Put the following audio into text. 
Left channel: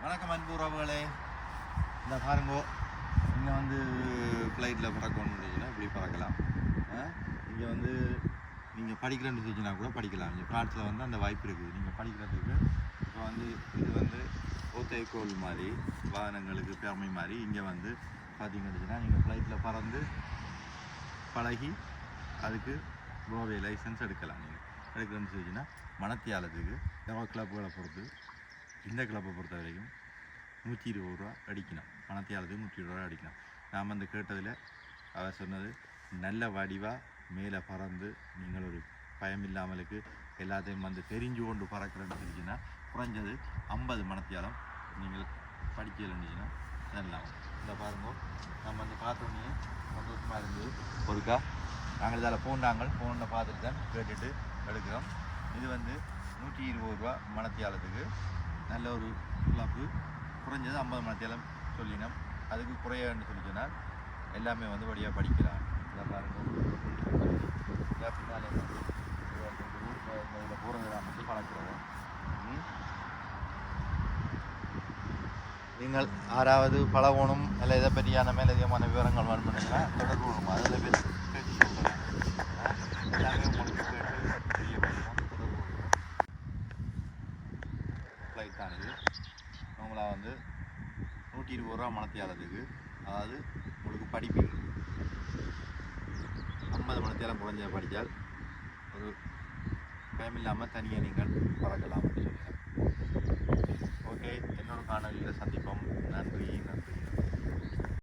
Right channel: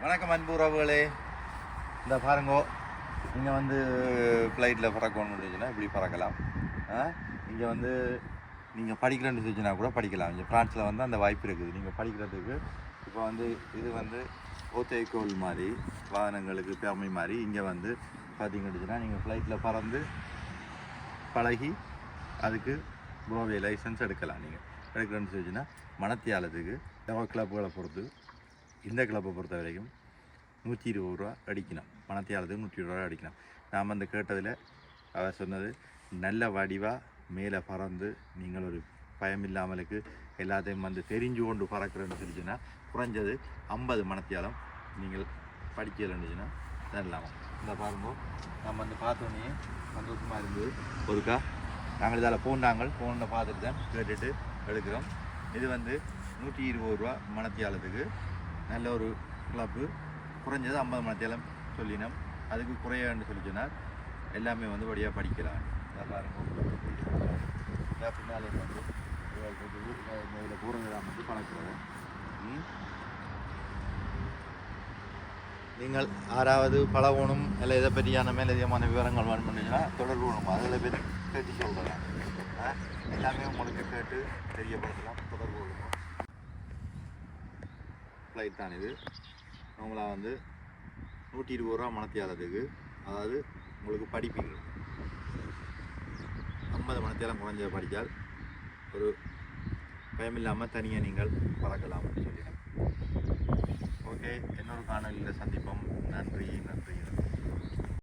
வணக்கம் அன்பு உறவுகளே. இந்த பாருங்கோ நீங்கள் வந்து ஃப்ளைட்டில் பறக்கணும்னு இருந்துச்சுன்னா இப்படி பறக்கலாம். இங்கே வந்து நீங்கள் படிக்கிறேன்னு இருந்துச்சுன்னா கூட படிக்கலாம். இங்கே ஃப்ரான்ஸில் வந்து அந்த வாய்ப்பு இருக்குது. நீங்கள் படிக்கிறதுக்கு இப்போ வந்து இது வந்து ஓத்தைக்கோல் மாதிரி வாகனங்களுக்கு பெருமை மாதிரி இங்கே வந்து பார்த்தீங்கன்னு நீங்கள் ஃப்ளைட்டில் பறந்து பழகி அதுக்கு ப்ரோவே லைசன்ஸ் எடுக்கலாம் நீங்கள் எடுக்கிறேன்னு சொல்லிச்சுன்னா மனத்தியாலத்துக்கு டவர் கிளப்புகளை பொறுத்து இந்த கிளப்பை பொறுத்த வரைக்கும் நூற்றி இருபது ரூபா அடிக்கணும். மணத்தியாலத்துக்கு நூற்றி இருபது ரூபா அடிக்கணும். நாம் அந்த கேட்டதில் அவர் சொன்னது நல்ல வடிவாக மேலே பறந்து நீங்கள் ஒரு பயம் இல்லாமலுக்கு எல்லாத்தையும் வந்து தெரிஞ்சு கொண்டு பறக்கிறேன்னு சொல்லிச்சுன்னா குறைஞ்சது ஐம்பது மணத்தியாலம் நீங்கள் படிக்கலைன்னுச்சுன்னா தரலாம் இந்த பாருங்க நம்ம வந்து பார்த்தோன்னே சந்தோஷமாக இருந்தது. ஒருக்கா நாங்கள் இதால் போனாங்கள் ஃபோனில் பார்த்துட்டு தான் கேட்டுட்டு எடுக்கிறோம். இது வந்து நூற்றி இருபது ரூபா மணத்தியாலத்துக்கு நல்ல ஒரு கிளப்பு குறைஞ்சது ஐம்பது மணத்தியாலம் சொல்லினோம். அதுக்கு குறையான்னு சொல்லி சொன்னால் எல்லாமே வந்து வழியாக படிக்கலாம். இதை பாருங்க பின்னாலே வந்து இதில் பூரங்கலாம் வந்து பழக்கிறோம். நீங்கள் யாராவது பழகணும் இல்லை இதை பற்றியான மேலதிகமான விவரங்கள் வேணும் பண்ணீங்கன்னா தொடர்பு அதில் பேர் கேட்டு சொல்கிறேன் எல்லாமே உங்களுக்கு கேட்டு ஃப்ளைட் தான் இது. அவங்களா வந்து நூற்றி இருபது ரூபா மணத்தியாலத்துக்கு அதாவது உங்களுக்கு படிப்பு ஐம்பது மணத்தியாலம் குறைஞ்ச படித்தால் ஒரு பயமில்லாமல் தனியாக நீங்கள் பறக்கலாம் அப்படின்னு சொல்லுங்கள் ஓகே இன்னொரு காணொலியில் சந்திப்போம். நன்றி நன்றி.